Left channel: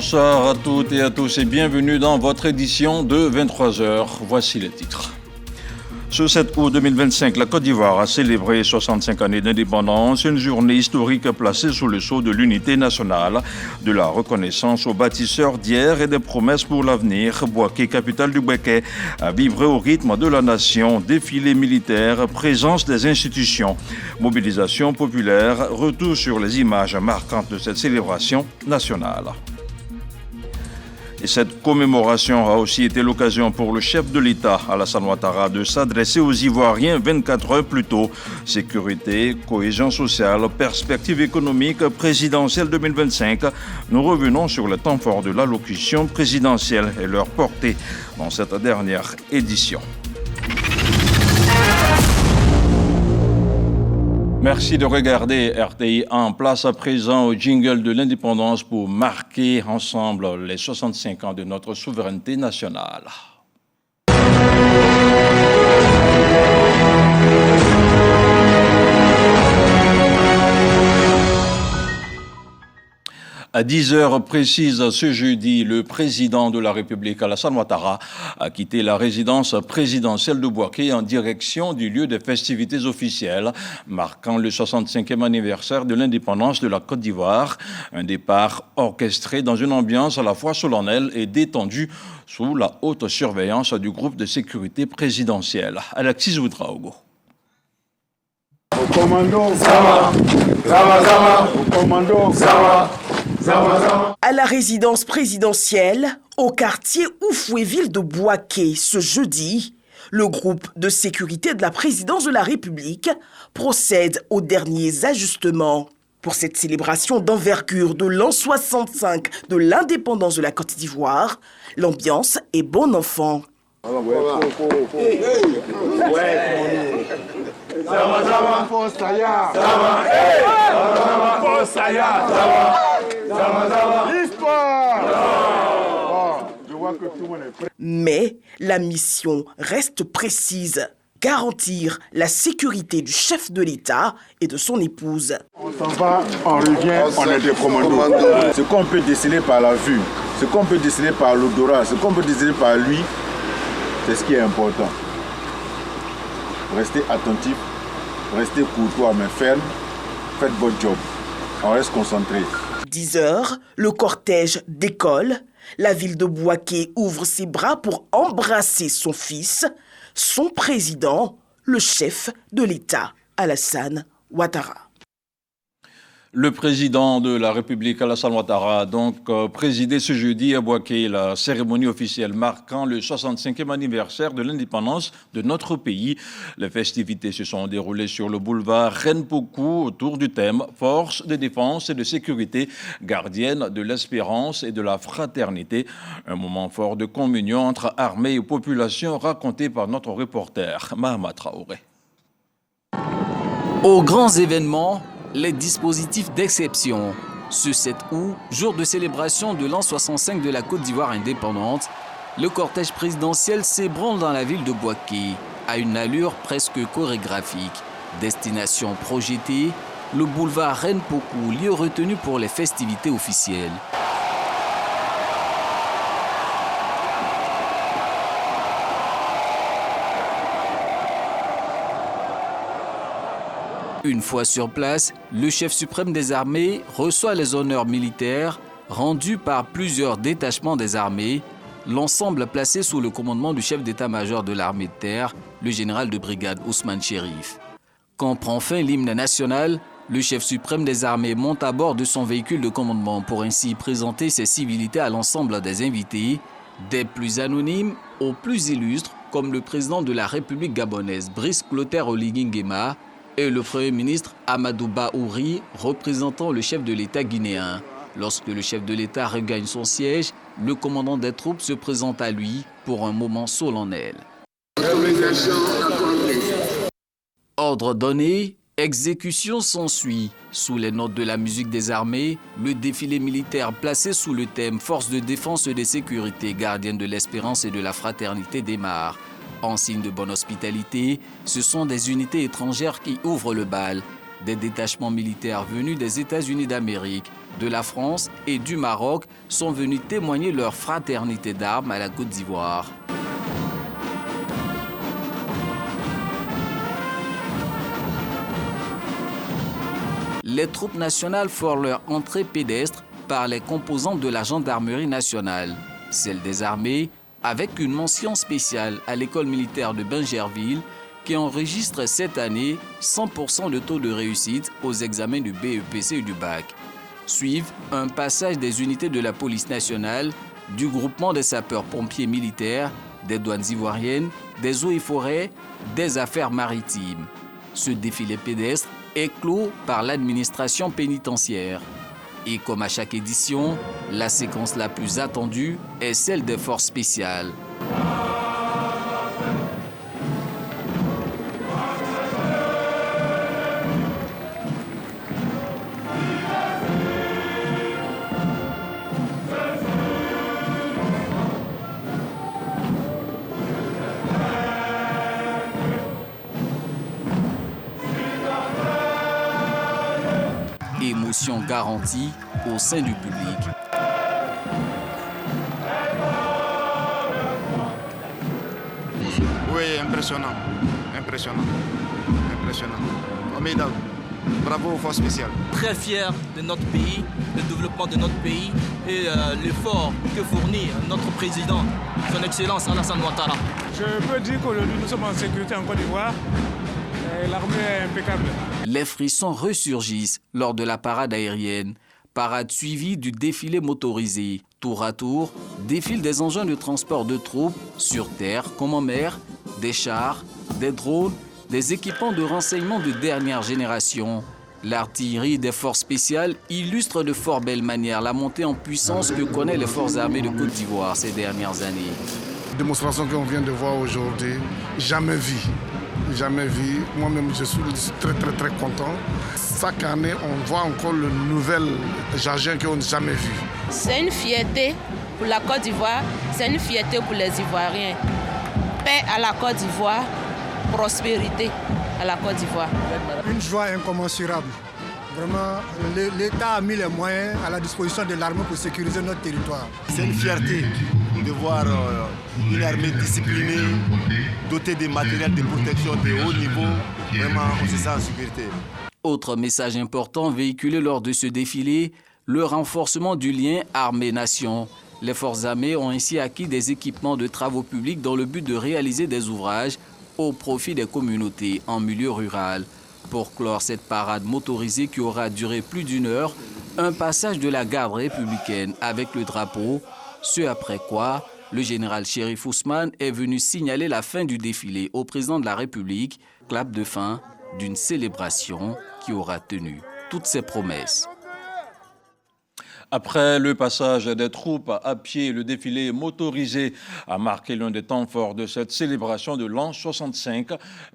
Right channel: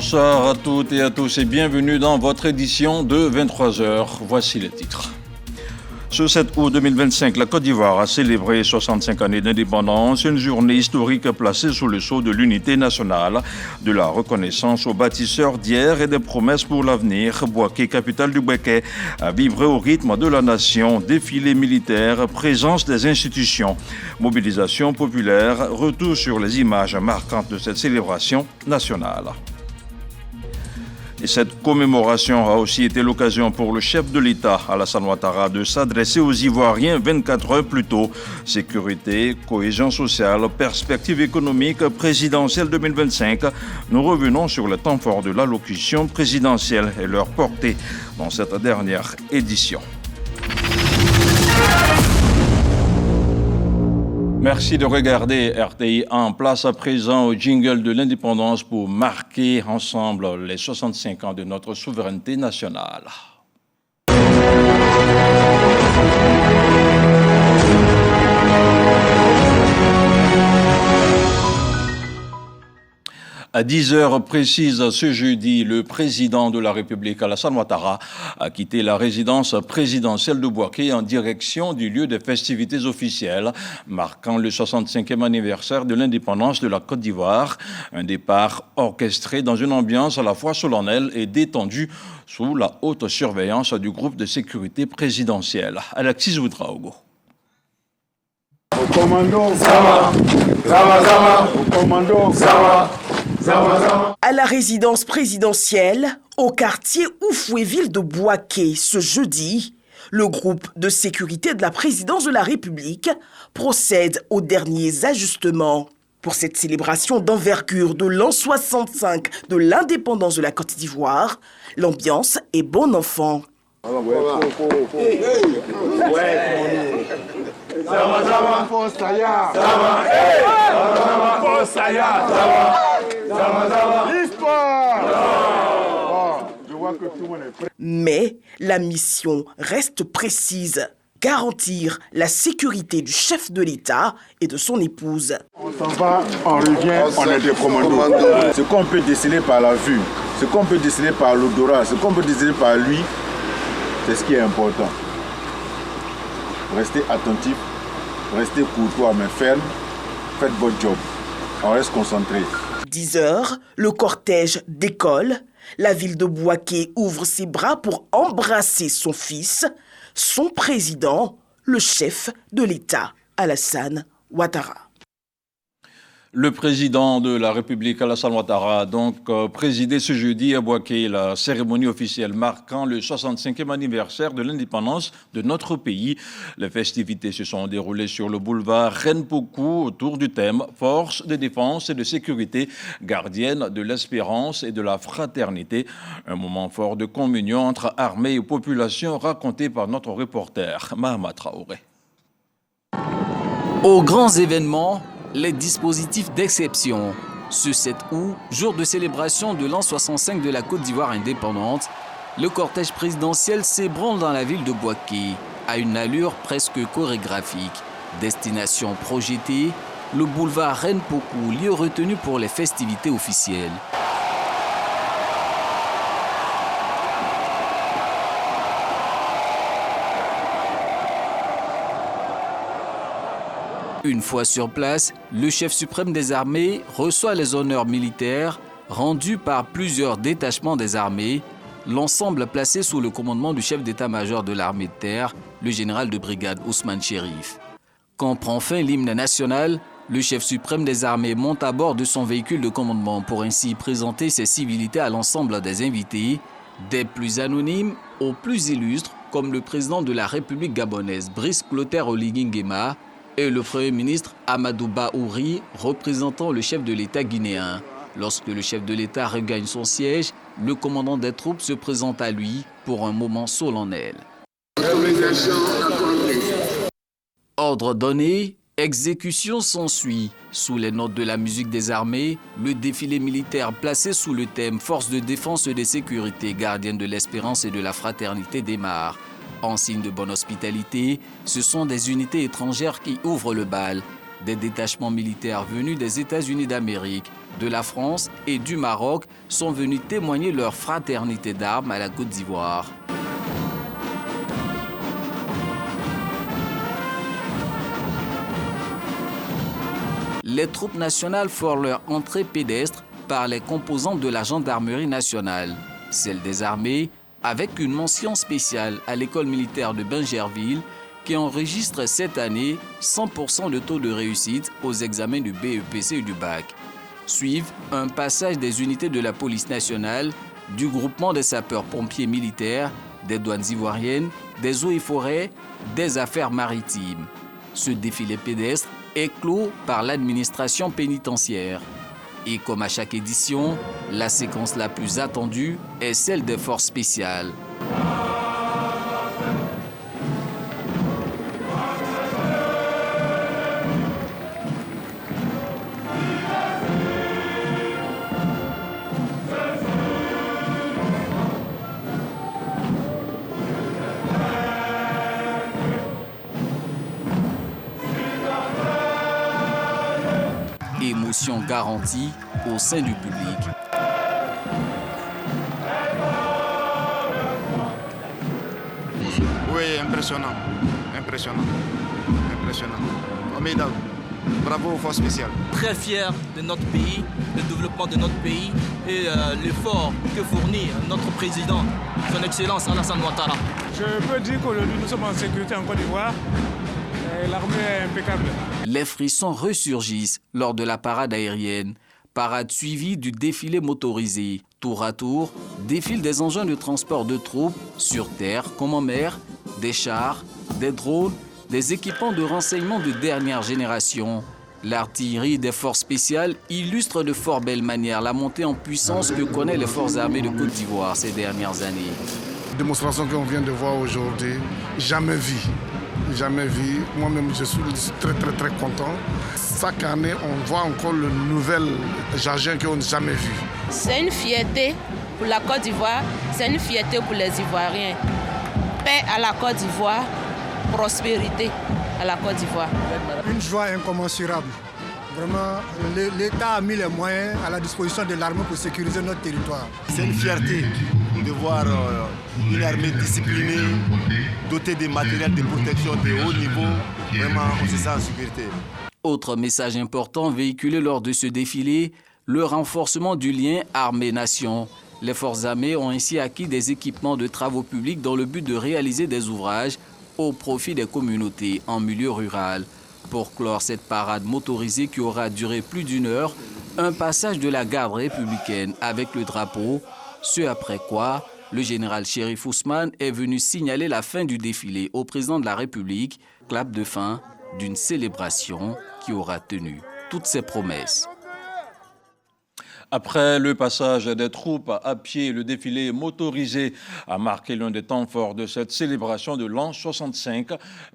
Bonsoir à toutes et à tous et bienvenue dans votre édition de 23h. Voici les titres. Ce 7 août 2025, la Côte d'Ivoire a célébré 65 années d'indépendance, une journée historique placée sous le sceau de l'unité nationale, de la reconnaissance aux bâtisseurs d'hier et des promesses pour l'avenir. Bouaké, capitale du Béquet, a vibré au rythme de la nation, défilé militaire, présence des institutions, mobilisation populaire, retour sur les images marquantes de cette célébration nationale. Et cette commémoration a aussi été l'occasion pour le chef de l'État, Alassane Ouattara, de s'adresser aux Ivoiriens 24 heures plus tôt. Sécurité, cohésion sociale, perspective économique, présidentielle 2025. Nous revenons sur le temps fort de l'allocution présidentielle et leur portée dans cette dernière édition. Merci de regarder RTI en place à présent au jingle de l'indépendance pour marquer ensemble les 65 ans de notre souveraineté nationale. À 10 heures précises ce jeudi, le président de la République, Alassane Ouattara, a quitté la résidence présidentielle de Bouaké en direction du lieu des festivités officielles, marquant le 65e anniversaire de l'indépendance de la Côte d'Ivoire. Un départ orchestré dans une ambiance à la fois solennelle et détendue sous la haute surveillance du groupe de sécurité présidentielle. Alexis Ouedraogo. Au commando, ça va. Au commando, ça va. À la résidence présidentielle, au quartier Oufouéville de Bouaké, ce jeudi, le groupe de sécurité de la présidence de la République procède aux derniers ajustements. Pour cette célébration d'envergure de l'an 65 de l'indépendance de la Côte d'Ivoire, l'ambiance est bon enfant. Mais la mission reste précise. Garantir la sécurité du chef de l'État et de son épouse. On s'en va, on revient, on est des commandos. Ce qu'on peut déceler par la vue, ce qu'on peut déceler par l'odorat, ce qu'on peut déceler par lui, c'est ce qui est important. Restez attentif, restez courtois mais ferme, faites votre job. On reste concentré. 10 heures, le cortège décolle. La ville de Bouaké ouvre ses bras pour embrasser son fils, son président, le chef de l'État, Alassane Ouattara. Le président de la République, Alassane Ouattara, a donc présidé ce jeudi à Bouaké la cérémonie officielle marquant le 65e anniversaire de l'indépendance de notre pays. Les festivités se sont déroulées sur le boulevard Renpoku autour du thème « Force de défense et de sécurité, gardienne de l'espérance et de la fraternité ». Un moment fort de communion entre armée et population raconté par notre reporter Mahama Traoré. Aux grands événements, les dispositifs d'exception. Ce 7 août, jour de célébration de l'an 65 de la Côte d'Ivoire indépendante, le cortège présidentiel s'ébranle dans la ville de Bouaké, à une allure presque chorégraphique. Destination projetée, le boulevard Renpoku, lieu retenu pour les festivités officielles. Une fois sur place, le chef suprême des armées reçoit les honneurs militaires rendus par plusieurs détachements des armées, l'ensemble placé sous le commandement du chef d'état-major de l'armée de terre, le général de brigade Ousmane Chérif. Quand prend fin l'hymne national, le chef suprême des armées monte à bord de son véhicule de commandement pour ainsi présenter ses civilités à l'ensemble des invités, des plus anonymes aux plus illustres, comme le président de la République gabonaise, Brice Clotaire Oligui Nguema, et le Premier ministre Amadou Bahouri, représentant le chef de l'État guinéen. Lorsque le chef de l'État regagne son siège, le commandant des troupes se présente à lui pour un moment solennel. Ordre donné, exécution s'ensuit. Sous les notes de la musique des armées, le défilé militaire placé sous le thème « Force de défense et de sécurité, gardienne de l'espérance et de la fraternité » démarre. En signe de bonne hospitalité, ce sont des unités étrangères qui ouvrent le bal. Des détachements militaires venus des États-Unis d'Amérique, de la France et du Maroc sont venus témoigner leur fraternité d'armes à la Côte d'Ivoire. Les troupes nationales forent leur entrée pédestre par les composantes de la gendarmerie nationale, celle des armées, avec une mention spéciale à l'école militaire de Bingerville qui enregistre cette année 100% de taux de réussite aux examens du BEPC et du bac. Suivent un passage des unités de la police nationale, du groupement des sapeurs-pompiers militaires, des douanes ivoiriennes, des eaux et forêts, des affaires maritimes. Ce défilé pédestre est clos par l'administration pénitentiaire. Et comme à chaque édition, la séquence la plus attendue est celle des forces spéciales. Émotion garantie au sein du public. Oui, impressionnant. Formidable. Bravo aux forces spéciales. Très fiers de notre pays, le développement de notre pays et l'effort que fournit notre président, son Excellence Alassane Ouattara. Je peux dire qu'aujourd'hui nous sommes en sécurité en Côte d'Ivoire. L'armée est impeccable. Les frissons ressurgissent lors de la parade aérienne. Parade suivie du défilé motorisé. Tour à tour, défilent des engins de transport de troupes sur terre comme en mer, des chars, des drones, des équipements de renseignement de dernière génération. L'artillerie des forces spéciales illustre de fort belle manière la montée en puissance que connaissent les forces armées de Côte d'Ivoire ces dernières années. Démonstration qu'on vient de voir aujourd'hui, jamais vu. Moi-même, je suis très content. Chaque année, on voit encore le nouvel jargon qu'on n'a jamais vu. C'est une fierté pour la Côte d'Ivoire, c'est une fierté pour les Ivoiriens. Paix à la Côte d'Ivoire, prospérité à la Côte d'Ivoire. Une joie incommensurable. Vraiment, l'État a mis les moyens à la disposition de l'armée pour sécuriser notre territoire. C'est une fierté de voir une armée disciplinée, dotée de matériel de protection de haut niveau. Vraiment, on se sent en sécurité. Autre message important véhiculé lors de ce défilé, le renforcement du lien armée-nation. Les forces armées ont ainsi acquis des équipements de travaux publics dans le but de réaliser des ouvrages au profit des communautés en milieu rural. Pour clore cette parade motorisée qui aura duré plus d'une heure, un passage de la garde républicaine avec le drapeau, ce après quoi le général Chérif Ousmane est venu signaler la fin du défilé au président de la République, clap de fin d'une célébration qui aura tenu toutes ses promesses. Après le passage des troupes à pied, le défilé motorisé a marqué l'un des temps forts de cette célébration de l'an 65.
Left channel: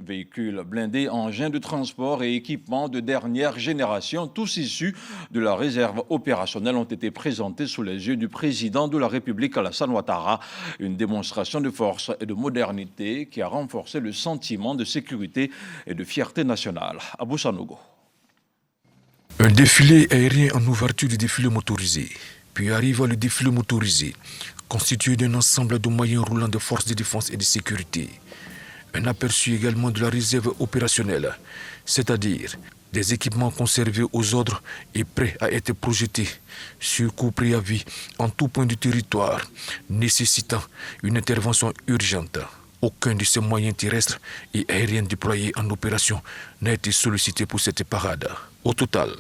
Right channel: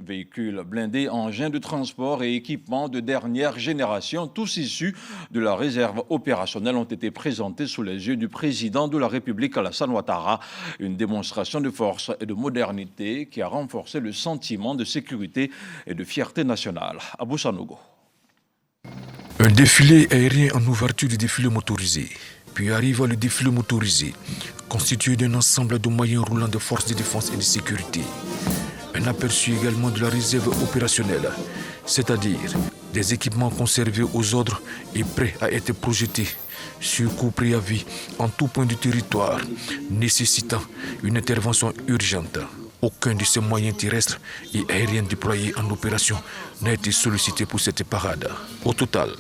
Véhicules blindés, engins de transport et équipements de dernière génération, tous issus de la réserve opérationnelle, ont été présentés sous les yeux du président de la République, Alassane Ouattara. Une démonstration de force et de modernité qui a renforcé le sentiment de sécurité et de fierté nationale. Abou Sanogo. Un défilé aérien en ouverture du défilé motorisé. Puis arrive le défilé motorisé, constitué d'un ensemble de moyens roulants de forces de défense et de sécurité. Un aperçu également de la réserve opérationnelle, c'est-à-dire des équipements conservés aux ordres et prêts à être projetés sur coup préavis en tout point du territoire, nécessitant une intervention urgente. Aucun de ces moyens terrestres et aériens déployés en opération n'a été sollicité pour cette parade. Au total,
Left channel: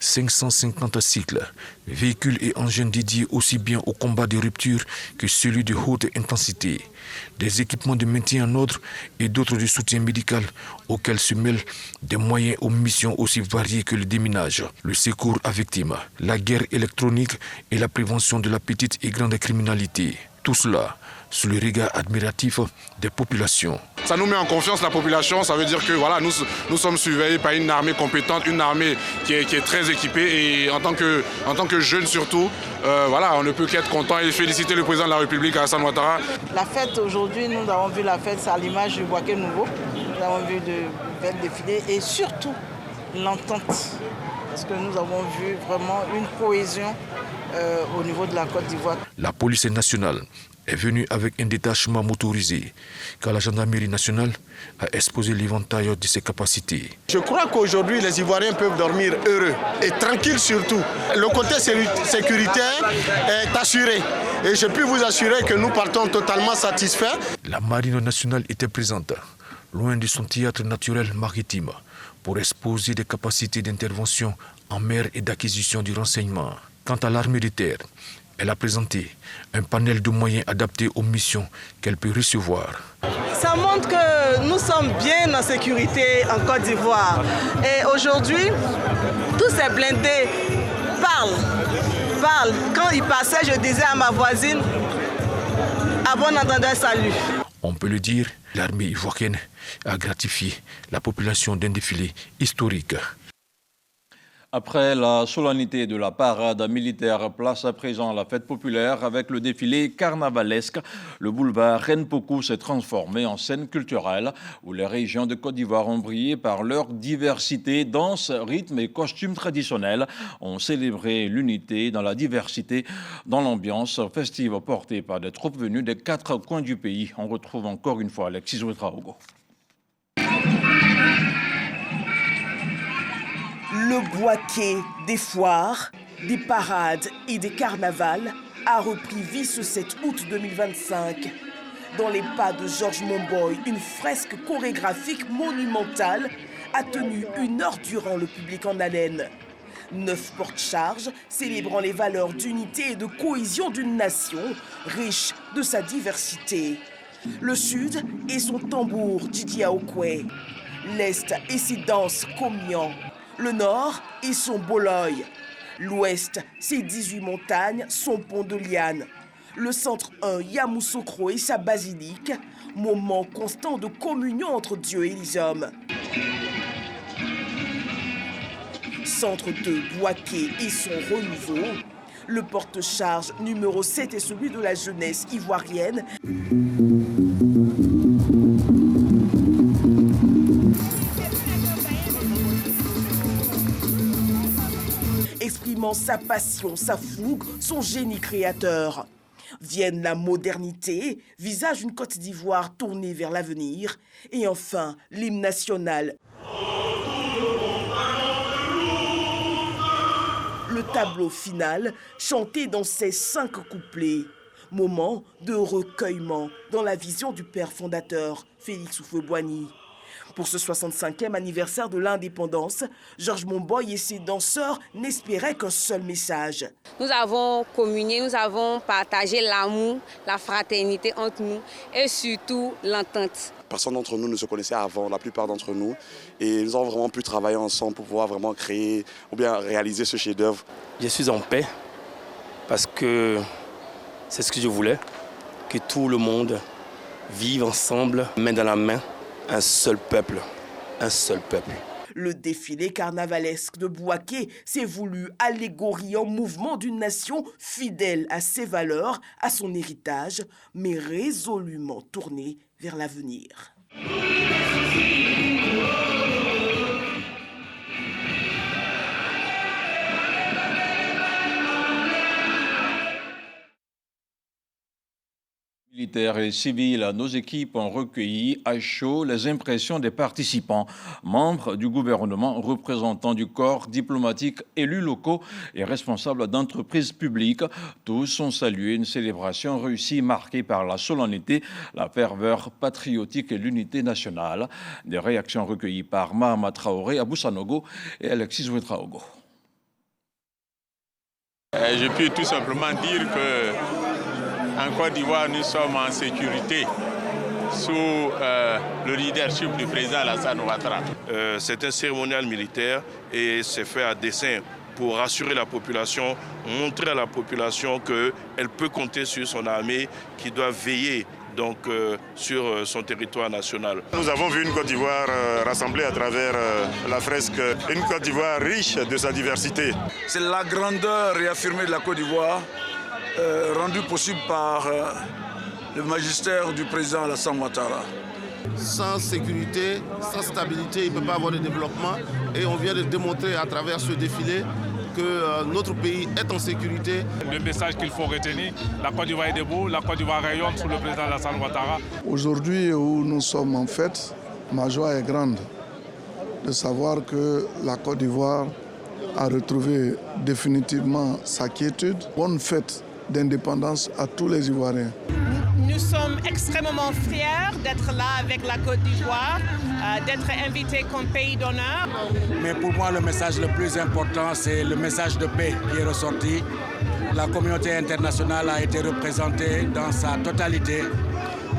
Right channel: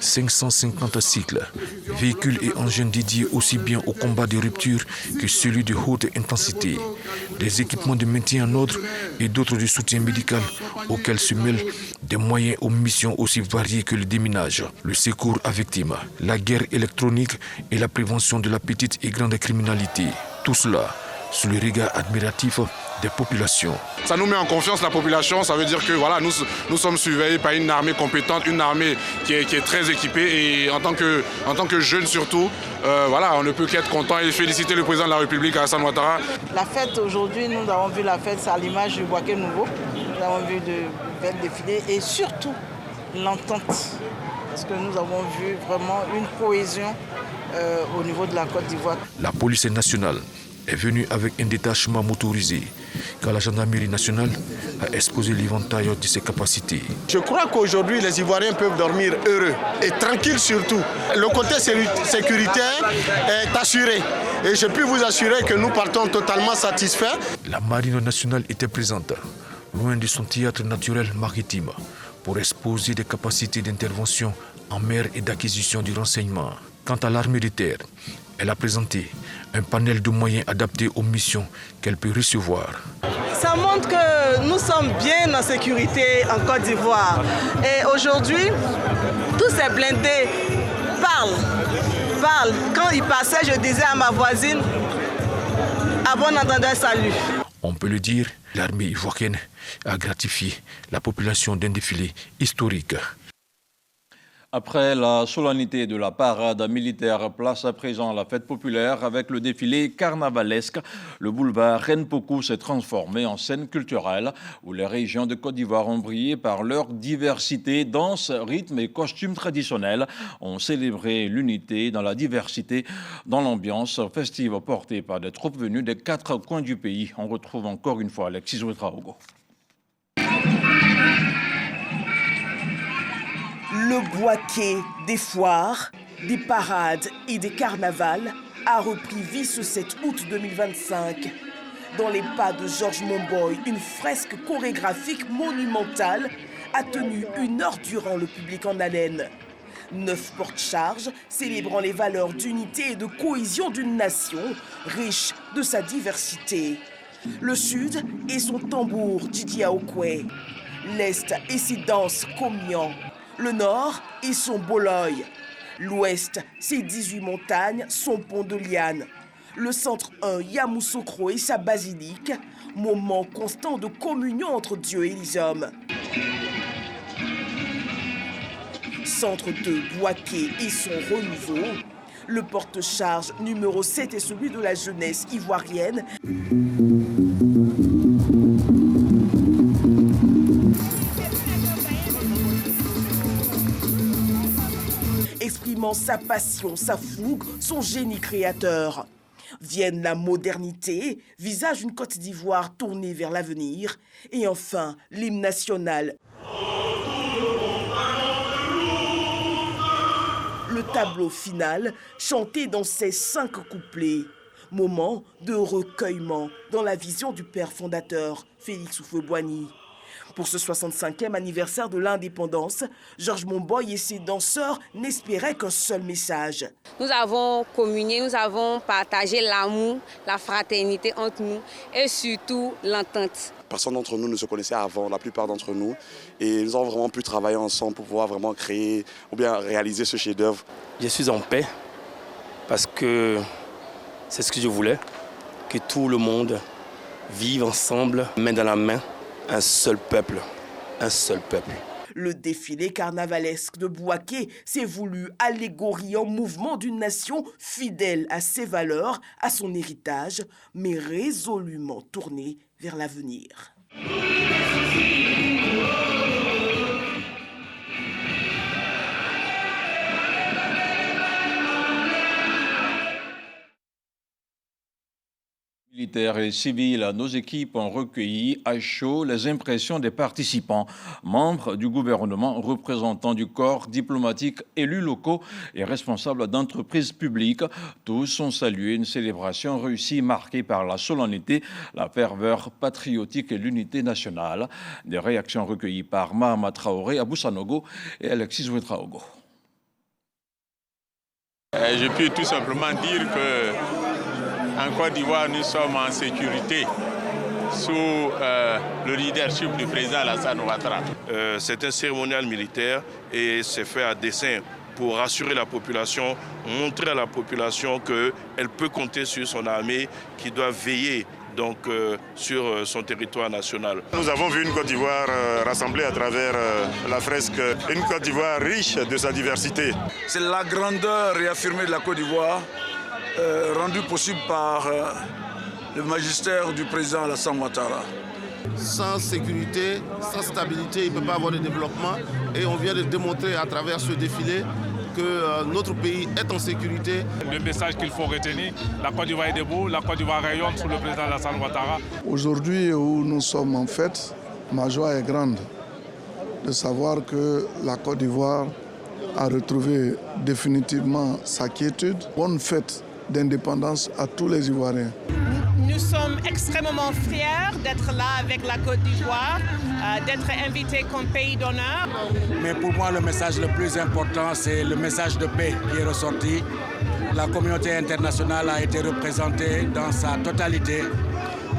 550 cycles, véhicules et engins dédiés aussi bien au combat de rupture que celui de haute intensité, des équipements de maintien en ordre et d'autres de soutien médical auxquels se mêlent des moyens aux missions aussi variées que le déminage, le secours à victimes, la guerre électronique et la prévention de la petite et grande criminalité. Tout cela sous le regard admiratif des populations. Ça nous met en confiance la population, ça veut dire que voilà, nous sommes surveillés par une armée compétente, une armée qui est très équipée et en tant que jeunes surtout, voilà, on ne peut qu'être content et féliciter le président de la République, Alassane Ouattara. La fête aujourd'hui, nous avons vu la fête, c'est à l'image du Bouaké Nouveau. Nous avons vu de belles défilés et surtout l'entente parce que nous avons vu vraiment une cohésion au niveau de la Côte d'Ivoire. La police nationale est venue avec un détachement motorisé, car la gendarmerie nationale a exposé l'éventail de ses capacités. Je crois qu'aujourd'hui, les Ivoiriens peuvent dormir heureux et tranquilles surtout. Le côté sécuritaire est assuré. Et je peux vous assurer que nous partons totalement satisfaits. La marine nationale était présente, loin de son théâtre naturel maritime, pour exposer des capacités d'intervention en mer et d'acquisition du renseignement. Quant à l'armée de terre, elle a présenté un panel de moyens adaptés aux missions qu'elle peut recevoir. Ça montre que nous sommes bien en sécurité en Côte d'Ivoire. Et aujourd'hui, tous ces blindés parlent. Quand ils passaient, je disais à ma voisine, à bon entendeur, salut. On peut le dire, l'armée ivoirienne a gratifié la population d'un défilé historique. Après la solennité de la parade militaire, place à présent la fête populaire avec le défilé carnavalesque. Le boulevard Renpoku s'est transformé en scène culturelle où les régions de Côte d'Ivoire ont brillé par leur diversité. Danse, rythme et costumes traditionnels ont célébré l'unité dans la diversité, dans l'ambiance festive portée par des troupes venues des 4 coins du pays. On retrouve encore une fois Alexis Ouedraogo. Le boaquet des foires, des parades et des carnavals a repris vie ce 7 août 2025. Dans les pas de Georges Momboy, une fresque chorégraphique monumentale a tenu 1 heure durant le public en haleine. 9 porte-charges célébrant les valeurs d'unité et de cohésion d'une nation riche de sa diversité. Le sud et son tambour Didi Aokwe, l'est et ses danses Komian. Le nord et son Boloy. L'ouest, ses 18 montagnes, son pont de liane. Le centre 1, Yamoussoukro et sa basilique, moment constant de communion entre Dieu et les hommes. Centre 2, Boaké et son renouveau. Le porte-charge numéro 7 est celui de la jeunesse ivoirienne. Exprimant sa passion, sa fougue, son génie créateur. Vienne la modernité, visage une Côte d'Ivoire tournée vers l'avenir. Et enfin, l'hymne national. Le tableau final, chanté dans ses 5 couplets. Moment de recueillement dans la vision du père fondateur, Félix Houphouët-Boigny. Pour ce 65e anniversaire de l'indépendance, Georges Momboy et ses danseurs n'espéraient qu'un seul message. Nous avons communié, nous avons partagé l'amour, la fraternité entre nous et surtout l'entente. Personne d'entre nous ne se connaissait avant, la plupart d'entre nous. Et nous avons vraiment pu travailler ensemble pour pouvoir vraiment créer ou bien réaliser ce chef-d'œuvre. Je suis en paix parce que c'est ce que je voulais, que tout le monde vive ensemble, main dans la main. Un seul peuple, un seul peuple. Le défilé carnavalesque de Boaké s'est voulu allégorie en mouvement d'une nation fidèle à ses valeurs, à son héritage, mais résolument tournée vers l'avenir. Militaires et civils, nos équipes ont recueilli à chaud les impressions des participants, membres du gouvernement, représentants du corps diplomatique, élus locaux et responsables d'entreprises publiques. Tous ont salué une célébration réussie marquée par la solennité, la ferveur patriotique et l'unité nationale. Des réactions recueillies par Mahama Traoré, Abou Sanogo et Alexis Ouedraogo. Je peux tout simplement dire que en Côte d'Ivoire, nous sommes en sécurité sous le leadership du président Alassane Ouattara. C'est un cérémonial militaire et c'est fait à dessein pour rassurer la population, montrer à la population qu'elle peut compter sur son armée qui doit veiller donc, sur son territoire national. Nous avons vu une Côte d'Ivoire rassemblée à travers la fresque, une Côte d'Ivoire riche de sa diversité. C'est la grandeur réaffirmée de la Côte d'Ivoire, rendue possible par le magistère du président Alassane Ouattara. Sans sécurité, sans stabilité, il ne peut pas avoir de développement. Et on vient de démontrer à travers ce défilé que notre pays est en sécurité. Le message qu'il faut retenir, la Côte d'Ivoire est debout, la Côte d'Ivoire rayonne sous le président Alassane Ouattara. Aujourd'hui où nous sommes en fête, ma joie est grande de savoir que la Côte d'Ivoire a retrouvé définitivement sa quiétude. Bonne fête d'indépendance à tous les Ivoiriens. Nous sommes extrêmement fiers d'être là avec la Côte d'Ivoire, d'être invités comme pays d'honneur. Mais pour moi, le message le plus important, c'est le message de paix qui est ressorti. La communauté internationale a été représentée dans sa totalité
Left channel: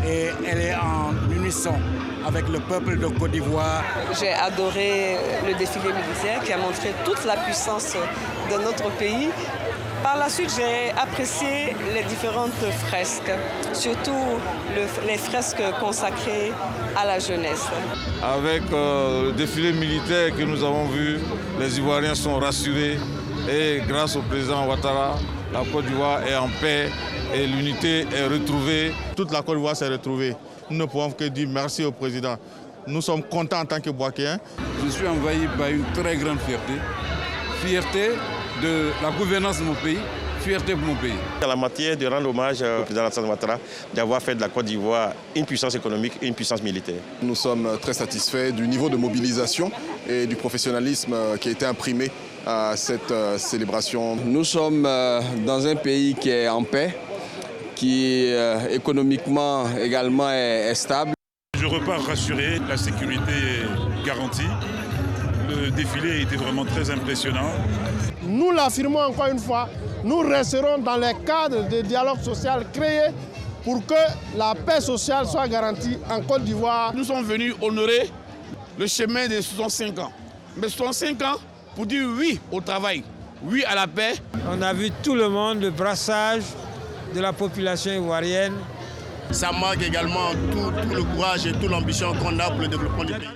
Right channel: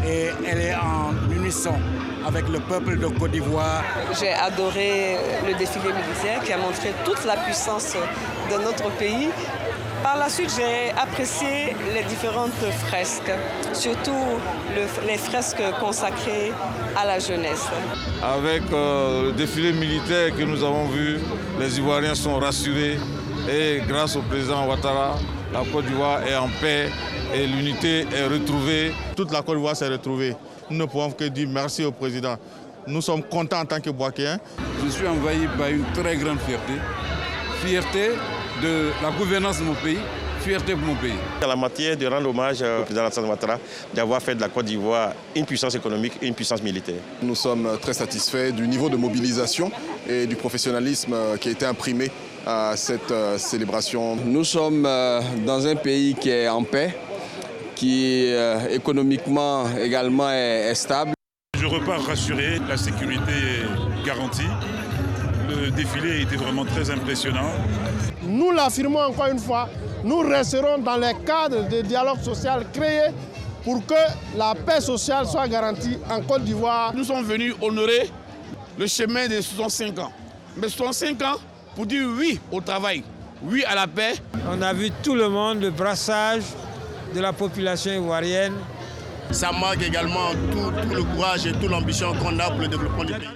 et elle est en unisson avec le peuple de Côte d'Ivoire. J'ai adoré le défilé militaire qui a montré toute la puissance de notre pays. Par la suite, j'ai apprécié les différentes fresques, surtout les fresques consacrées à la jeunesse. Avec le défilé militaire que nous avons vu, les Ivoiriens sont rassurés et grâce au président Ouattara, la Côte d'Ivoire est en paix et l'unité est retrouvée. Toute la Côte d'Ivoire s'est retrouvée. Nous ne pouvons que dire merci au président. Nous sommes contents en tant que Bouakéens. Je suis envahi par une très grande fierté. Fierté de la gouvernance de mon pays, fierté pour mon pays. En la matière de rendre hommage au président Alassane Ouattara d'avoir fait de la Côte d'Ivoire une puissance économique et une puissance militaire. Nous sommes très satisfaits du niveau de mobilisation et du professionnalisme qui a été imprimé à cette célébration. Nous sommes dans un pays qui est en paix, qui économiquement également est stable. Je repars rassuré, la sécurité est garantie. Le défilé a été vraiment très impressionnant. Nous l'affirmons encore une fois, nous resterons dans les cadres de dialogue social créés pour que la paix sociale soit garantie en Côte d'Ivoire. Nous sommes venus honorer le chemin des 65 ans. Mais 65 ans pour dire oui au travail, oui à la paix. On a vu tout le monde, le brassage de la population ivoirienne. Ça marque également tout le courage et toute l'ambition qu'on a pour le développement du pays.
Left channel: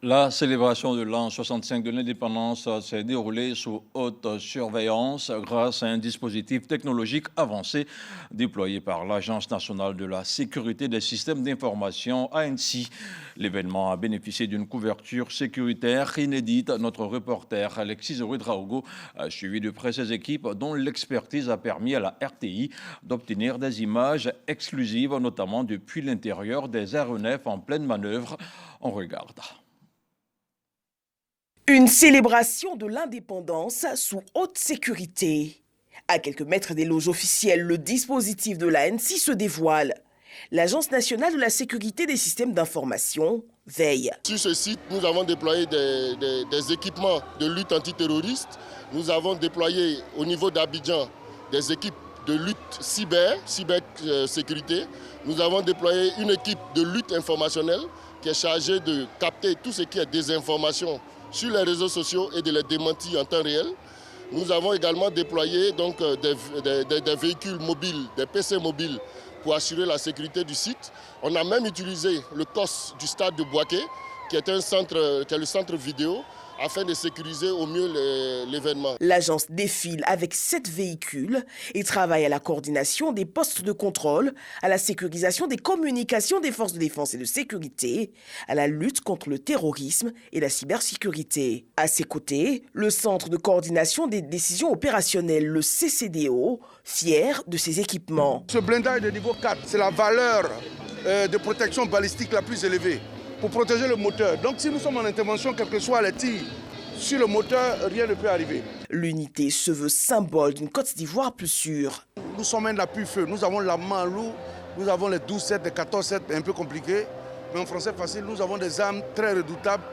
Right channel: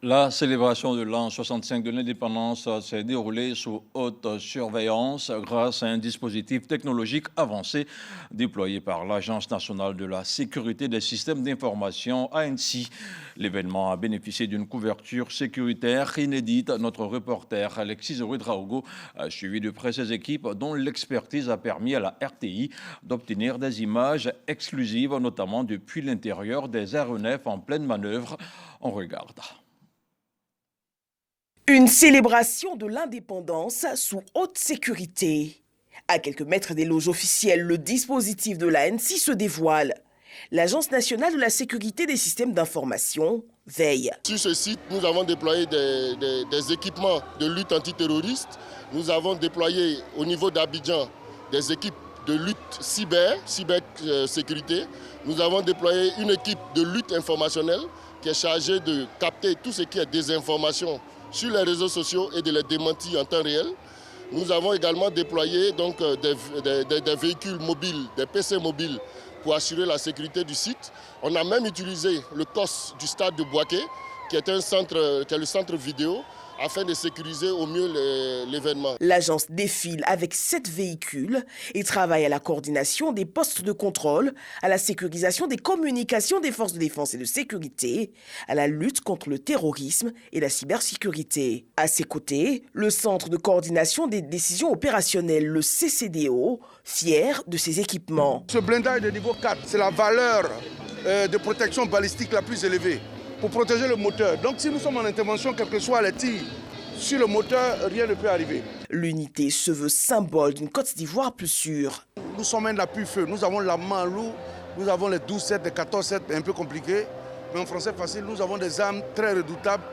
La célébration de l'an 65 de l'indépendance s'est déroulée sous haute surveillance grâce à un dispositif technologique avancé déployé par l'Agence nationale de la sécurité des systèmes d'information ANSSI. L'événement a bénéficié d'une couverture sécuritaire inédite. Notre reporter Alexis Ouedraogo a suivi de près ses équipes dont l'expertise a permis à la RTI d'obtenir des images exclusives, notamment depuis l'intérieur des aéronefs en pleine manœuvre. On regarde. Une célébration de l'indépendance sous haute sécurité. À quelques mètres des loges officielles, le dispositif de l'ANSSI se dévoile. L'Agence nationale de la sécurité des systèmes d'information veille. Sur ce site, nous avons déployé des équipements de lutte antiterroriste. Nous avons déployé au niveau d'Abidjan des équipes de lutte cybersécurité. Nous avons déployé une équipe de lutte informationnelle qui est chargée de capter tout ce qui est désinformation sur les réseaux sociaux et de les démentir en temps réel. Nous avons également déployé donc, des véhicules mobiles, des PC mobiles pour assurer la sécurité du site. On a même utilisé le COS du stade de Bouaké, qui est le centre vidéo, afin de sécuriser au mieux l'événement. L'agence défile avec 7 véhicules et travaille à la coordination des postes de contrôle, à la sécurisation des communications des forces de défense et de sécurité, à la lutte contre le terrorisme et la cybersécurité. À ses côtés, le Centre de coordination des décisions opérationnelles, le CCDO, fier de ses équipements. Ce blindage de niveau 4, c'est la valeur de protection balistique la plus élevée, pour protéger le moteur. Donc si nous sommes en intervention, quels que soient les tirs sur le moteur, rien ne peut arriver. L'unité se veut symbole d'une Côte d'Ivoire plus sûre. Nous sommes un appui-feu, nous avons la main lourde, nous avons les 12-7, les 14-7, un peu compliqués, mais en français facile, nous avons des armes très redoutables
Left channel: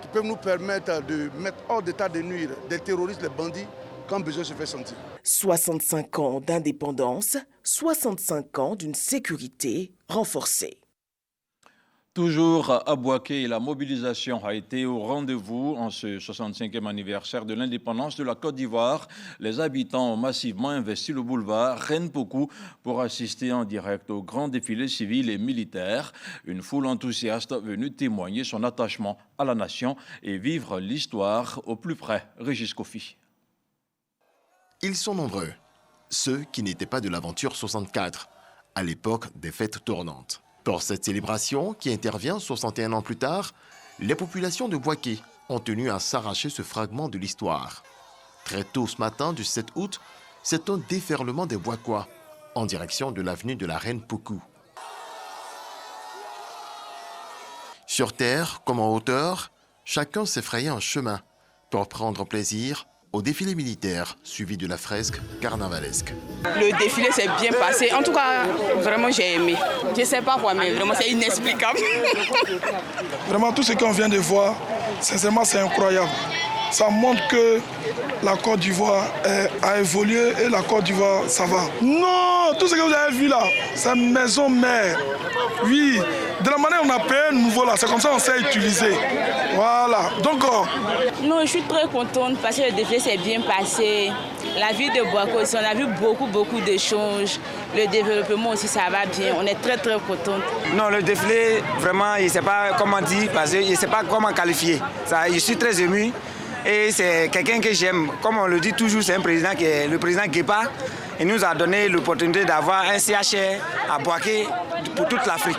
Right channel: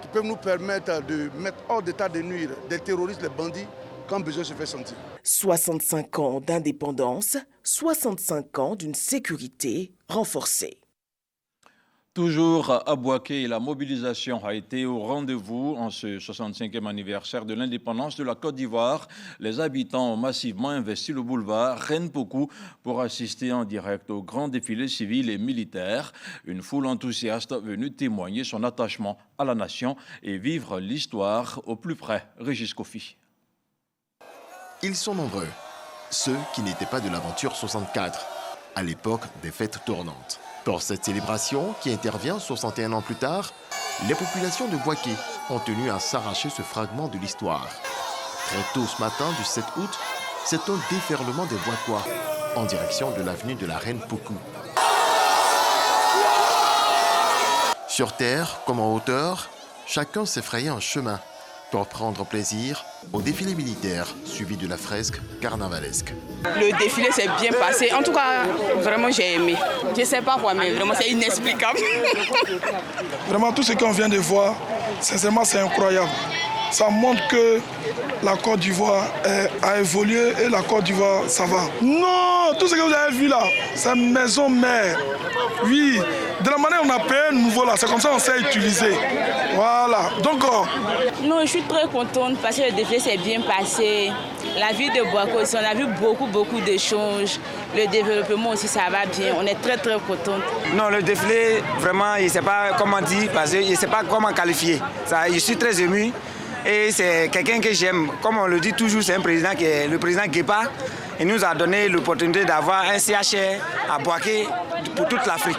qui peuvent nous permettre de mettre hors d'état de nuire des terroristes, les bandits, quand besoin se fait sentir. 65 ans d'indépendance, 65 ans d'une sécurité renforcée. Toujours à Bouaké, la mobilisation a été au rendez-vous en ce 65e anniversaire de l'indépendance de la Côte d'Ivoire. Les habitants ont massivement investi le boulevard Reine-Pokou pour assister en direct au grand défilé civil et militaire. Une foule enthousiaste venue témoigner son attachement à la nation et vivre l'histoire au plus près. Régis Kofi. Ils sont nombreux, ceux qui n'étaient pas de l'aventure 64, à l'époque des fêtes tournantes. Pour cette célébration, qui intervient 61 ans plus tard, les populations de Bouaké ont tenu à s'arracher ce fragment de l'histoire. Très tôt ce matin du 7 août, c'est un déferlement des Bouakois en direction de l'avenue de la Reine Poukou. Sur terre comme en hauteur, chacun s'effrayait un chemin pour prendre plaisir au défilé militaire suivi de la fresque carnavalesque. Le défilé s'est bien passé. En tout cas, vraiment, j'ai aimé. Je ne sais pas quoi, mais vraiment, c'est inexplicable. Vraiment, tout ce qu'on vient de voir, sincèrement, c'est incroyable. Ça montre que la Côte d'Ivoire a évolué et la Côte d'Ivoire, ça va. Non, tout ce que vous avez vu là, c'est maison mère. Oui, de la manière dont on a payé un nouveau là, c'est comme ça qu'on sait utiliser. Voilà, donc... Non, je suis très contente parce que le défilé s'est bien passé. La ville de Bouaké aussi, on a vu beaucoup d'échanges. Le développement aussi, ça va bien. On est très contents. Non, le défilé, vraiment, je ne sais pas comment dire, parce que je ne sais pas comment qualifier. Ça, je suis très ému. Et c'est quelqu'un que j'aime. Comme on le dit toujours, c'est un président qui est le président Guépa. Il nous a donné l'opportunité d'avoir un CHR à Bouaké pour toute l'Afrique.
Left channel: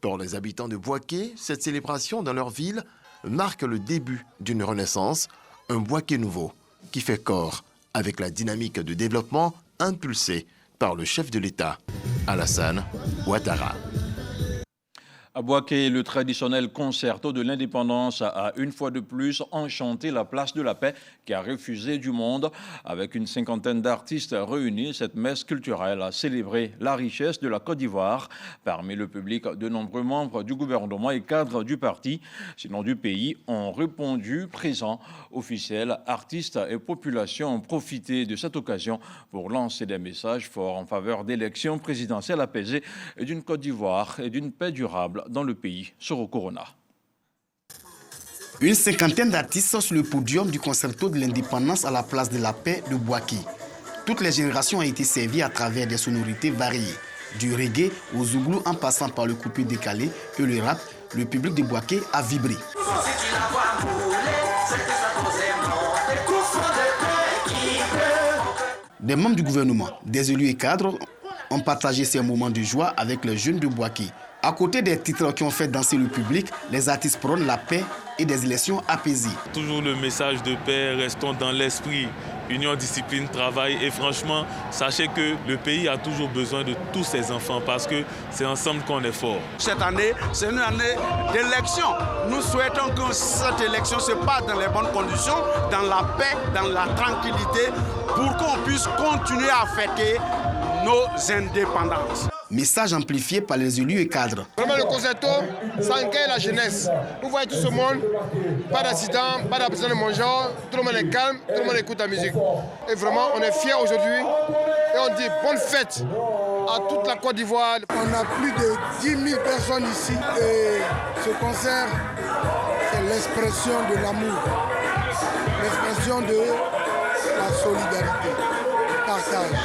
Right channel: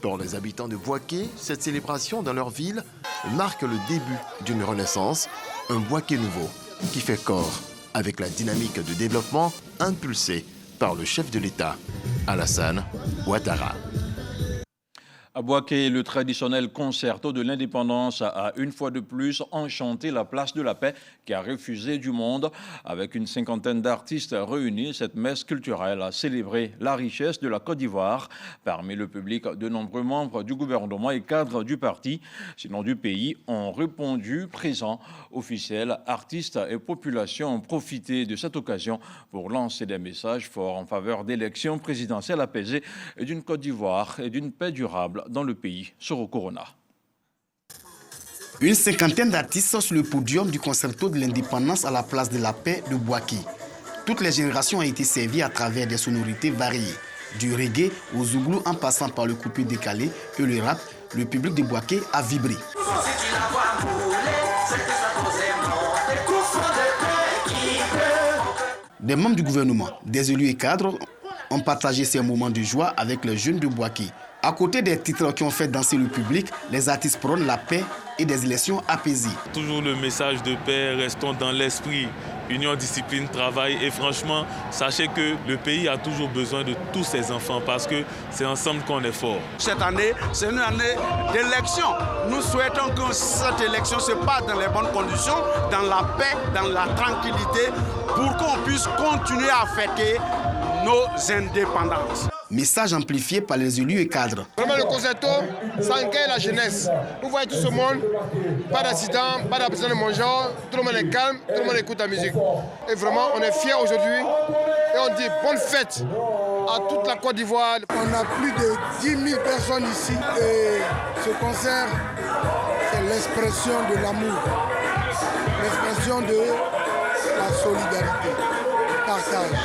Pour les habitants de Bouaké, cette célébration dans leur ville marque le début d'une renaissance, un Bouaké nouveau qui fait corps avec la dynamique de développement impulsée par le chef de l'État, Alassane Ouattara. À Bouaké, le traditionnel concerto de l'indépendance a une fois de plus enchanté la place de la paix qui a refusé du monde. Avec une cinquantaine d'artistes réunis, cette messe culturelle a célébré la richesse de la Côte d'Ivoire. Parmi le public, de nombreux membres du gouvernement et cadres du parti, sinon du pays, ont répondu présents. Officiels, artistes et populations ont profité de cette occasion pour lancer des messages forts en faveur d'élections présidentielles apaisées et d'une Côte d'Ivoire et d'une paix durable dans le pays. Soro Corona. Une cinquantaine d'artistes sur le podium du concerto de l'indépendance à la place de la paix de Bouaké. Toutes les générations ont été servies à travers des sonorités variées. Du reggae au zouglou en passant par le coupé décalé et le rap, le public de Bouaké a vibré. Des membres du gouvernement, des élus et cadres ont partagé ces moments de joie avec les jeunes de Bouaké. À côté des titres qui ont fait danser le public, les artistes prônent la paix et des élections apaisées. Toujours le message de paix, restons dans l'esprit, union, discipline, travail. Et franchement, sachez que le pays a toujours besoin de tous ses enfants parce que c'est ensemble qu'on est fort. Cette année, c'est une année d'élection. Nous souhaitons que cette élection se passe dans les bonnes conditions, dans la paix, dans la tranquillité, pour qu'on puisse continuer à fêter nos indépendances. Message amplifié par les élus et cadres. Vraiment le concerto, ça engaille la jeunesse. Vous voyez tout ce monde, pas d'accident, pas d'absence de manger, tout le monde est calme, tout le monde écoute la musique. Et vraiment, on est fiers aujourd'hui et on dit bonne fête à toute la Côte d'Ivoire. On a plus de 10 000 personnes ici et ce concert, c'est l'expression de l'amour, l'expression de la solidarité, du partage.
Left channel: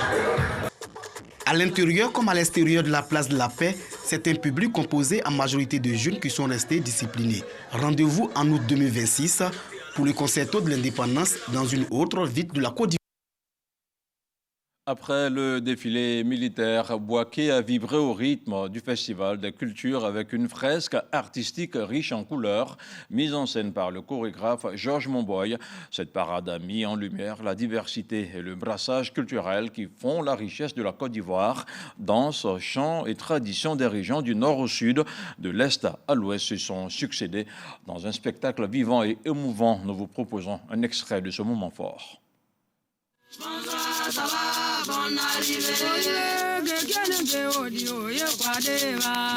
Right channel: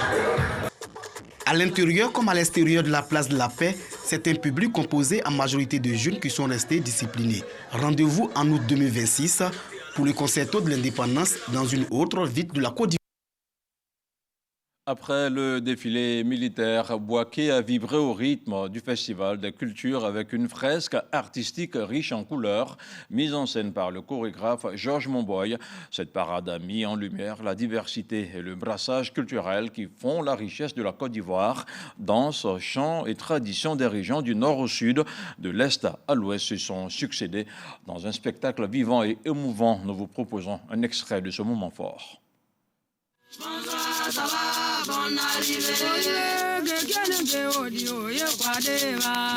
À l'intérieur comme à l'extérieur de la place de la paix, c'est un public composé en majorité de jeunes qui sont restés disciplinés. Rendez-vous en août 2026 pour le concerto de l'indépendance dans une autre ville de la Côte d'Ivoire. Après le défilé militaire, Bouaké a vibré au rythme du Festival des cultures avec une fresque artistique riche en couleurs, mise en scène par le chorégraphe Georges Monboy. Cette parade a mis en lumière la diversité et le brassage culturel qui font la richesse de la Côte d'Ivoire. Danses, chants et traditions des régions du nord au sud, de l'est à l'ouest se sont succédés dans un spectacle vivant et émouvant. Nous vous proposons un extrait de ce moment fort. Bonsoir, ça va, bonne arrivée.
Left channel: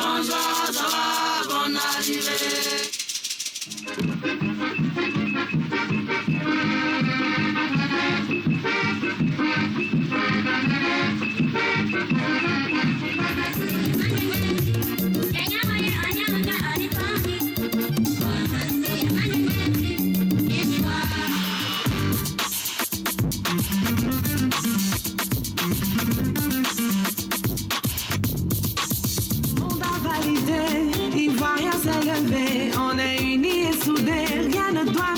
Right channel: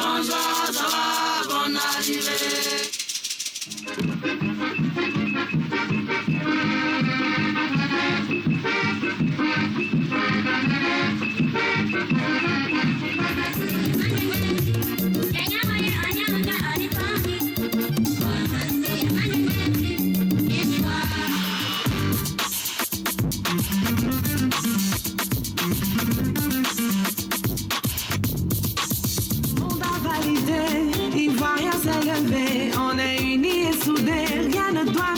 Bonsoir, ça va, bonne arrivée. On est unis et soudés, rien ne doit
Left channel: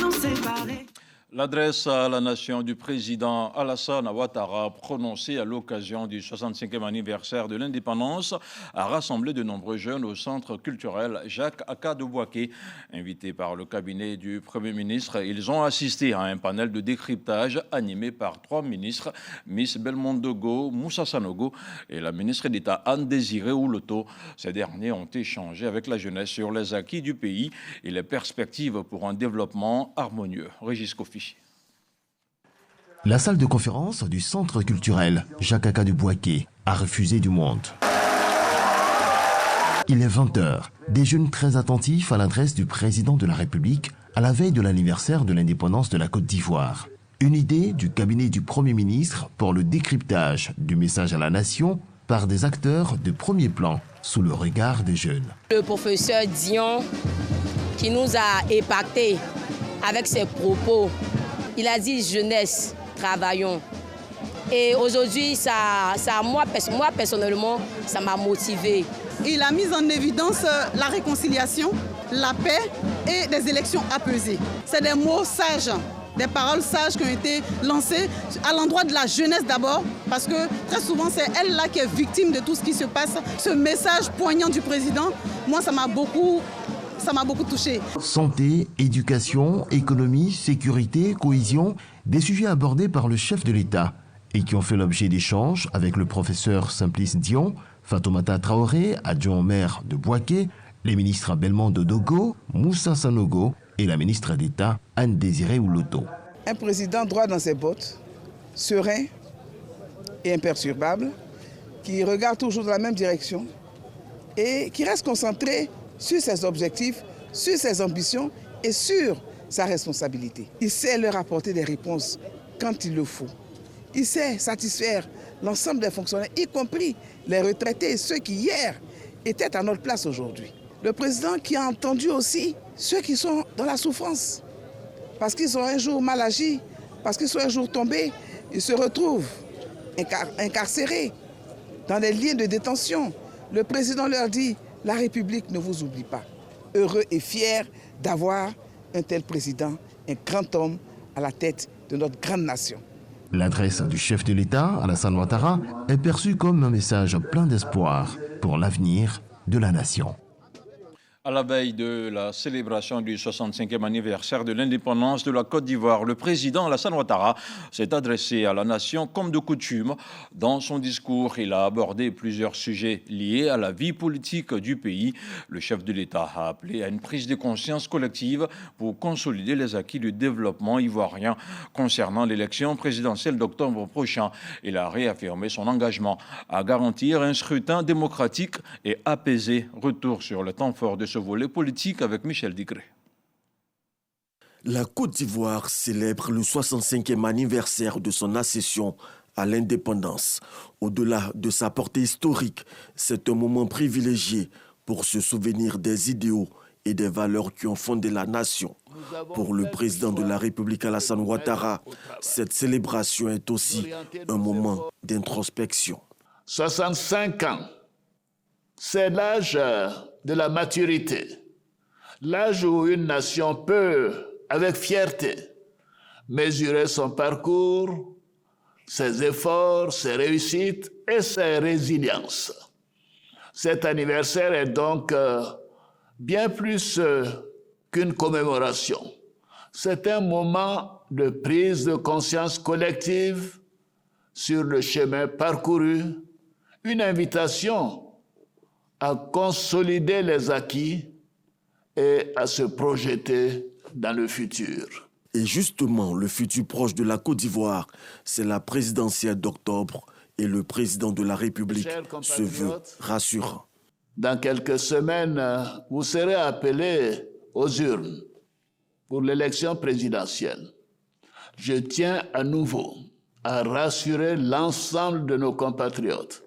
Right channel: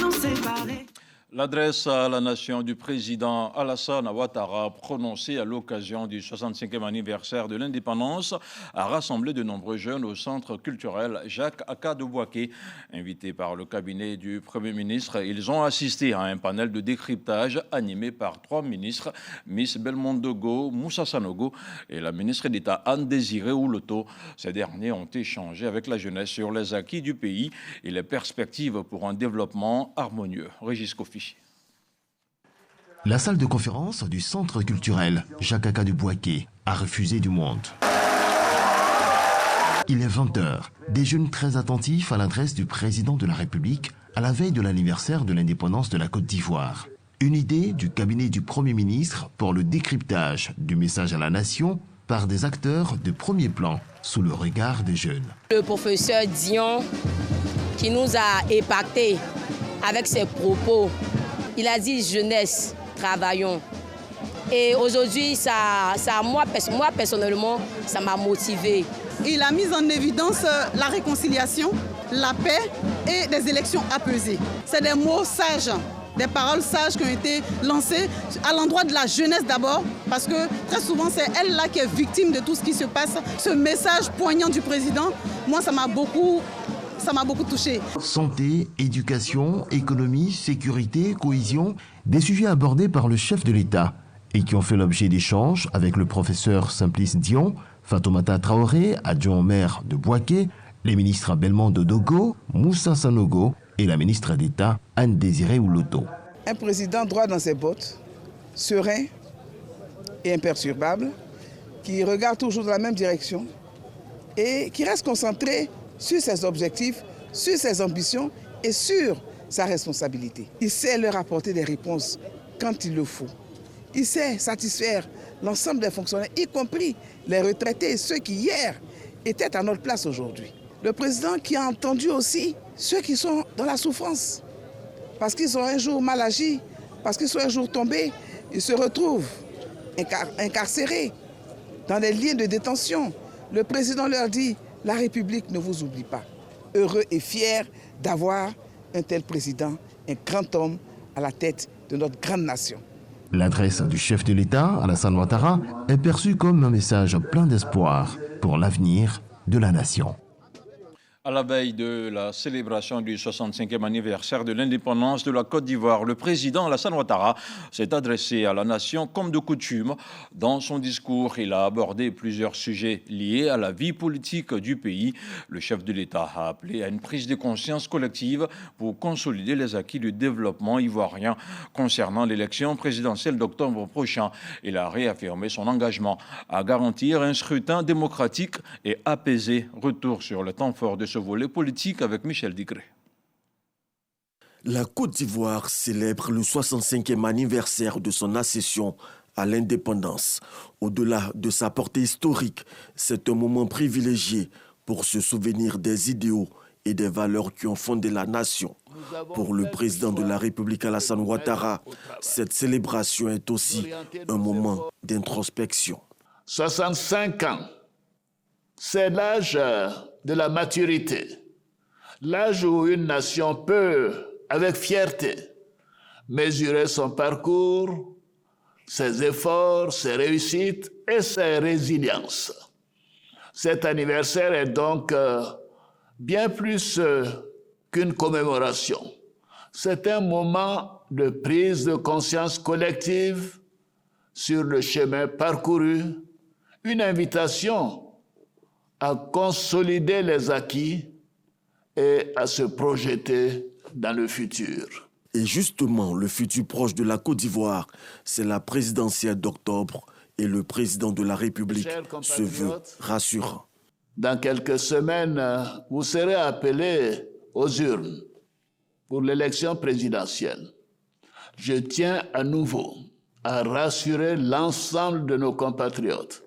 L'adresse à la nation du président Alassane Ouattara, prononcée à l'occasion du 65e anniversaire de l'indépendance, a rassemblé de nombreux jeunes au centre culturel Jacques Aka de Bouaké. Invités par le cabinet du Premier ministre, ils ont assisté à un panel de décryptage animé par 3 ministres, Miss Belmondo Dogo, Moussa Sanogo et la ministre d'État Anne-Désirée Ouloto. Ces derniers ont échangé avec la jeunesse sur les acquis du pays et les perspectives pour un développement harmonieux. Régis Kofi. La salle de conférence du centre culturel Jacques Aka de Bouaké a refusé du monde. Il est 20h. Des jeunes très attentifs à l'adresse du président de la République à la veille de l'anniversaire de l'indépendance de la Côte d'Ivoire. Une idée du cabinet du Premier ministre pour le décryptage du message à la nation par des acteurs de premier plan sous le regard des jeunes. Le professeur Dion qui nous a épatés avec ses propos, il a dit jeunesse, travaillons. Et aujourd'hui, moi personnellement, ça m'a motivé. Il a mis en évidence la réconciliation, la paix et des élections apaisées. C'est des mots sages, des paroles sages qui ont été lancées à l'endroit de la jeunesse d'abord, parce que très souvent c'est elle-là qui est victime de tout ce qui se passe. Ce message poignant du président, moi ça m'a beaucoup touché. Santé, éducation, économie, sécurité, cohésion, des sujets abordés par le chef de l'État et qui ont fait l'objet d'échanges avec le professeur Simplice Dion, Fatoumata Traoré, adjoint au maire de Bouaké, les ministres Belmondo Dogo, Moussa Sanogo et la ministre d'État Anne-Désirée Ouloto. Un président droit dans ses bottes, serein et imperturbable, qui regarde toujours dans la même direction et qui reste concentré sur ses objectifs, sur ses ambitions et sur sa responsabilité. Il sait leur apporter des réponses quand il le faut. Il sait satisfaire l'ensemble des fonctionnaires, y compris les retraités et ceux qui hier étaient à notre place aujourd'hui. Le président qui a entendu aussi ceux qui sont dans la souffrance, parce qu'ils sont un jour mal agi, parce qu'ils sont un jour tombés, ils se retrouvent incarcérés dans des lieux de détention. Le président leur dit, la République ne vous oublie pas. Heureux et fier d'avoir un tel président, un grand homme à la tête de notre grande nation. L'adresse du chef de l'État, Alassane Ouattara, est perçue comme un message plein d'espoir pour l'avenir de la nation. À la veille de la célébration du 65e anniversaire de l'indépendance de la Côte d'Ivoire, le président Alassane Ouattara s'est adressé à la nation comme de coutume. Dans son discours, il a abordé plusieurs sujets liés à la vie politique du pays. Le chef de l'État a appelé à une prise de conscience collective pour consolider les acquis du développement ivoirien concernant l'élection présidentielle d'octobre prochain. Il a réaffirmé son engagement à garantir un scrutin démocratique et apaisé. Retour sur le temps fort de ce volet politique avec Michel Digré. La Côte d'Ivoire célèbre le 65e anniversaire de son accession à l'indépendance. Au-delà de sa portée historique, c'est un moment privilégié pour se souvenir des idéaux et des valeurs qui ont fondé la nation. Pour le président de la République Alassane Ouattara, cette célébration est aussi un moment d'introspection. 65 ans, c'est l'âge de la maturité, l'âge où une nation peut, avec fierté, mesurer son parcours, ses efforts, ses réussites et ses résiliences. Cet anniversaire est donc bien plus qu'une commémoration. C'est un moment de prise de conscience collective sur le chemin parcouru, une invitation à consolider les acquis et à se projeter dans le futur. Et justement, le futur proche de la Côte d'Ivoire, c'est la présidentielle d'octobre et le président de la République se veut rassurant. Dans quelques semaines, vous serez appelés aux urnes pour l'élection présidentielle. Je tiens à nouveau à rassurer l'ensemble de nos compatriotes.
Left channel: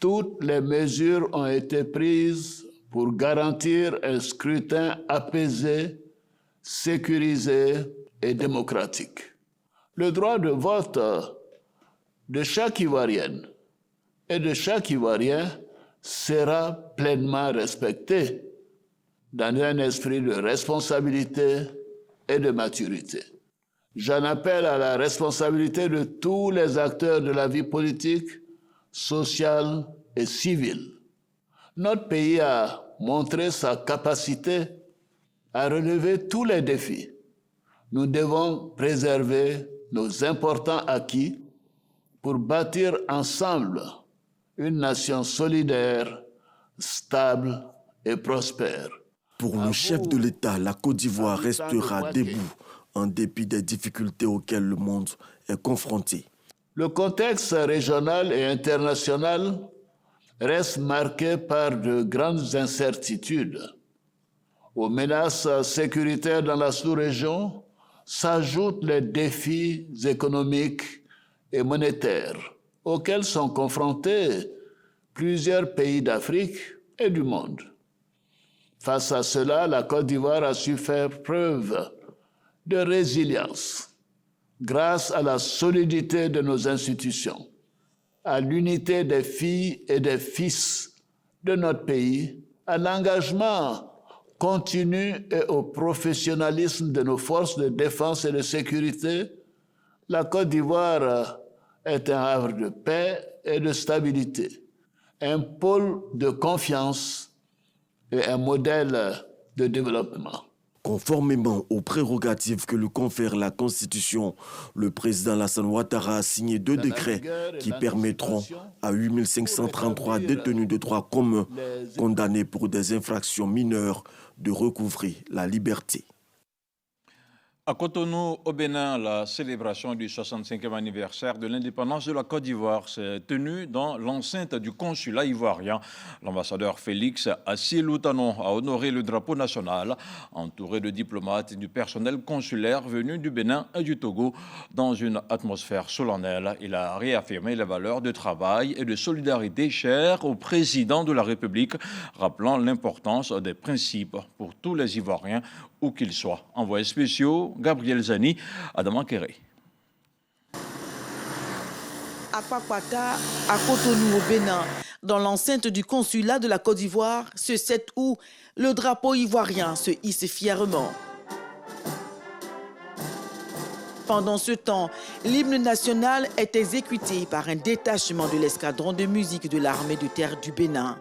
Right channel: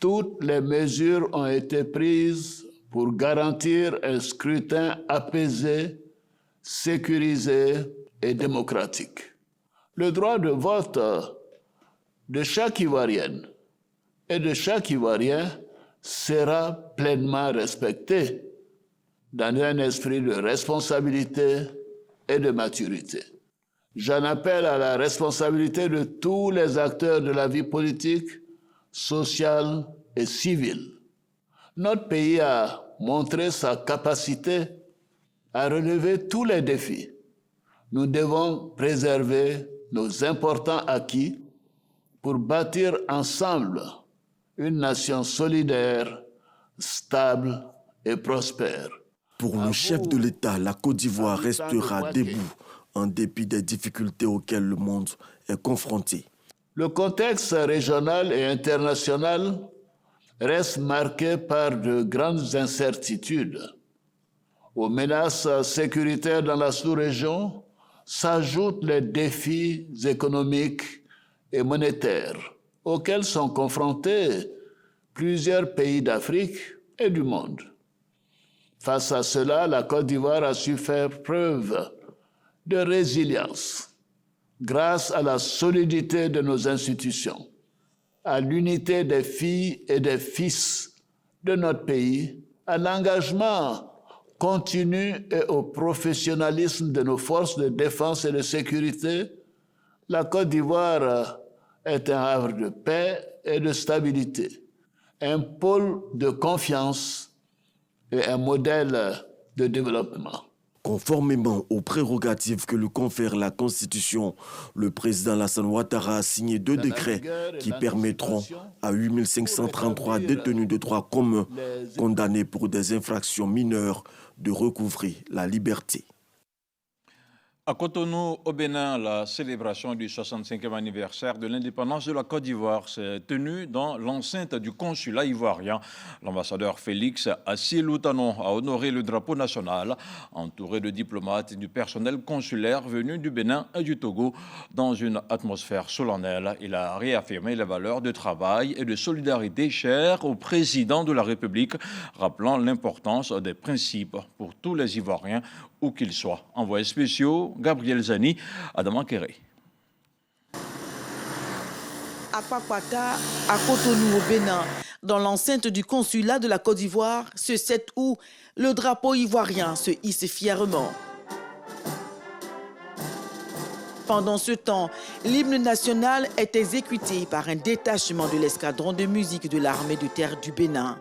Toutes les mesures ont été prises pour garantir un scrutin apaisé, sécurisé et démocratique. Le droit de vote de chaque Ivoirienne et de chaque Ivoirien sera pleinement respecté dans un esprit de responsabilité et de maturité. J'en appelle à la responsabilité de tous les acteurs de la vie politique, sociale et civile. Notre pays a montré sa capacité à relever tous les défis. Nous devons préserver nos importants acquis pour bâtir ensemble une nation solidaire, stable et prospère. Pour le chef de l'État, la Côte d'Ivoire restera debout en dépit des difficultés auxquelles le monde est confronté. Le contexte régional et international reste marqué par de grandes incertitudes. Aux menaces sécuritaires dans la sous-région s'ajoutent les défis économiques et monétaires auxquels sont confrontés plusieurs pays d'Afrique et du monde. Face à cela, la Côte d'Ivoire a su faire preuve de résilience grâce à la solidité de nos institutions, à l'unité des filles et des fils de notre pays, à l'engagement continu et au professionnalisme de nos forces de défense et de sécurité. La Côte d'Ivoire est un havre de paix et de stabilité, un pôle de confiance et un modèle de développement. Conformément aux prérogatives que lui confère la Constitution, le président Alassane Ouattara a signé 2 décrets qui permettront à 8533 détenus de droit commun condamnés pour des infractions mineures de recouvrer la liberté. À Cotonou, au Bénin, la célébration du 65e anniversaire de l'indépendance de la Côte d'Ivoire s'est tenue dans l'enceinte du consulat ivoirien. L'ambassadeur Félix Assié-Loutanon a honoré le drapeau national, entouré de diplomates et du personnel consulaire venus du Bénin et du Togo. Dans une atmosphère solennelle, il a réaffirmé les valeurs de travail et de solidarité chères au président de la République, rappelant l'importance des principes pour tous les Ivoiriens, où qu'ils soient. Envoyés spéciaux, Gabriel Zani, Adama Kéré. À Papata, à Cotonou au Bénin, dans l'enceinte du consulat de la Côte d'Ivoire, ce 7 août, le drapeau ivoirien se hisse fièrement. Pendant ce temps, l'hymne national est exécuté par un détachement de l'escadron de musique de l'armée de terre du Bénin.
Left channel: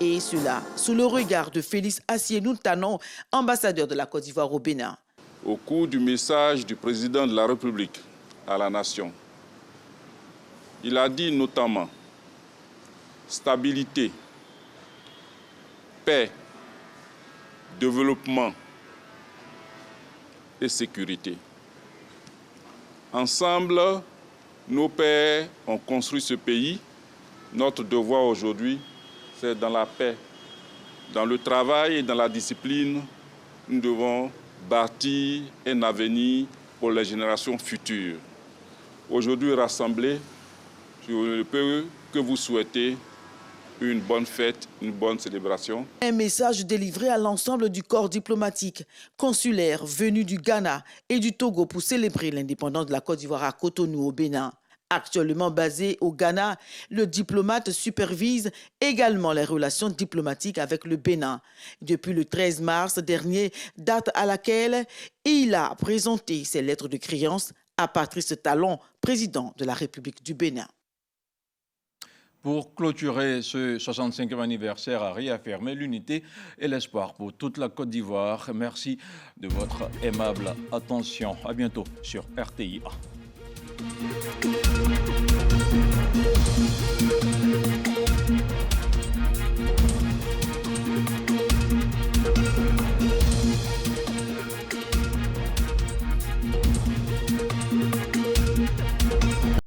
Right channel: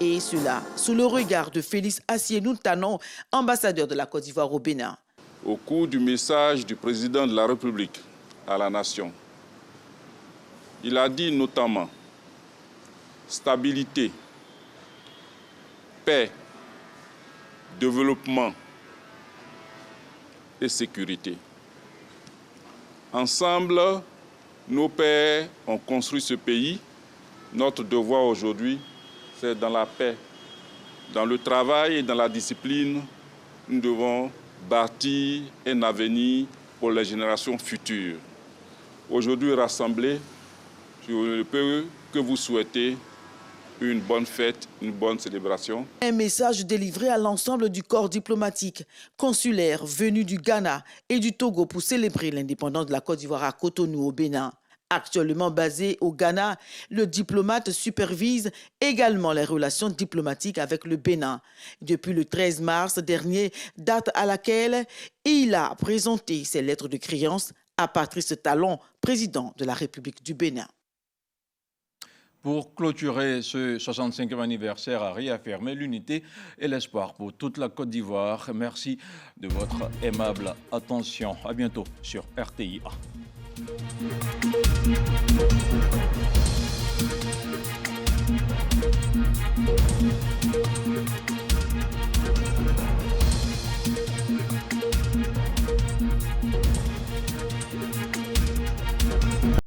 Et cela sous le regard de Félix Assié-Loutanon, ambassadeur de la Côte d'Ivoire au Bénin. Au cours du message du président de la République à la nation, il a dit notamment stabilité, paix, développement et sécurité. Ensemble, nos pères ont construit ce pays. Notre devoir aujourd'hui, c'est dans la paix, dans le travail et dans la discipline, nous devons bâtir un avenir pour les générations futures. Aujourd'hui, rassemblés, je ne peux que vous souhaiter une bonne fête, une bonne célébration. Un message délivré à l'ensemble du corps diplomatique, consulaire venu du Ghana et du Togo pour célébrer l'indépendance de la Côte d'Ivoire à Cotonou au Bénin. Actuellement basé au Ghana, le diplomate supervise également les relations diplomatiques avec le Bénin. Depuis le 13 mars dernier, date à laquelle il a présenté ses lettres de créance à Patrice Talon, président de la République du Bénin. Pour clôturer ce 65e anniversaire, a réaffirmé l'unité et l'espoir pour toute la Côte d'Ivoire. Merci de votre aimable attention. À bientôt sur RTIA.